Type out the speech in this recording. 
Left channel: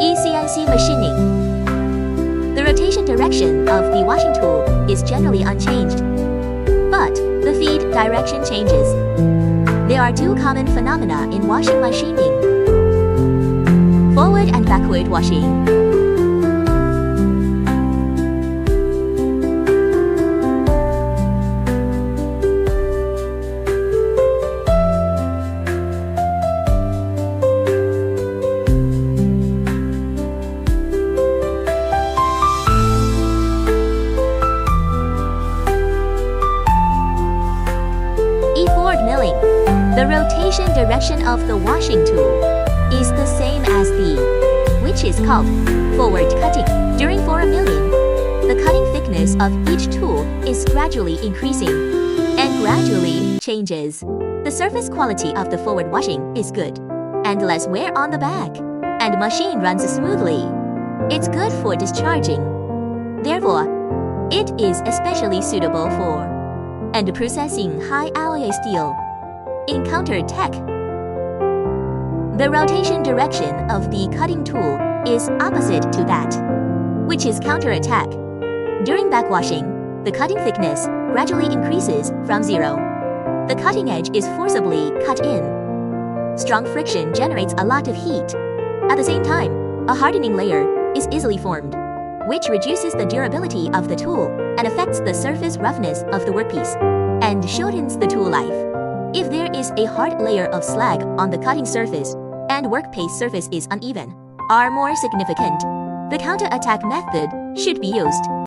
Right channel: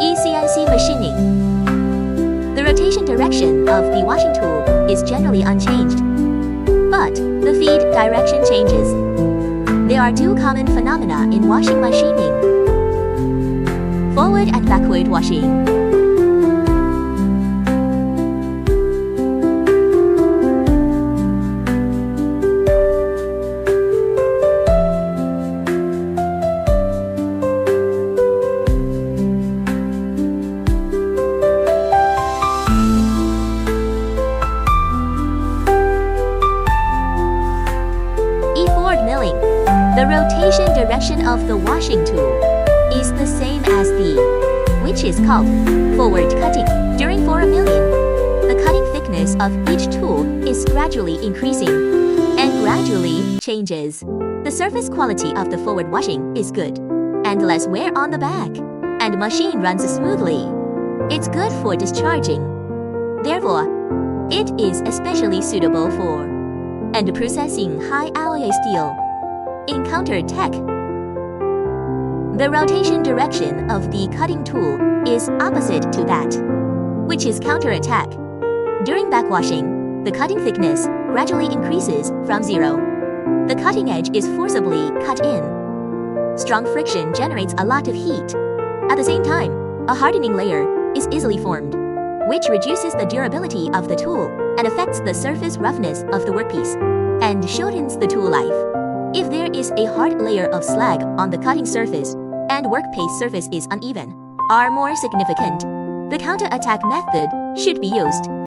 ECNC machining. The rotation direction of the washing tool is generally unchanged, but the feed direction changes. There are two common phenomena in washing machining: forward and backward washing. Forward milling. The rotation direction of the washing tool is the same as which is called forward cutting. During forward milling, the cutting thickness of each tool is gradually increasing and gradually changes. The surface quality of the forward washing is good, and less wear on the back, and machine runs smoothly. It's good for discharging. Therefore, it is especially suitable for and processing high alloy steel. In counter tech, the rotation direction of the cutting tool is opposite to that, which is counter attack. During backwashing, the cutting thickness gradually increases from 0. The cutting edge is forcibly cut in. Strong friction generates a lot of heat. At the same time, a hardening layer is easily formed, which reduces the durability of the tool and affects the surface roughness of the workpiece and shortens the tool life. If there is a hard layer of slag on the cutting surface and workpiece surface is uneven, are more significant, the counter-attack method should be used.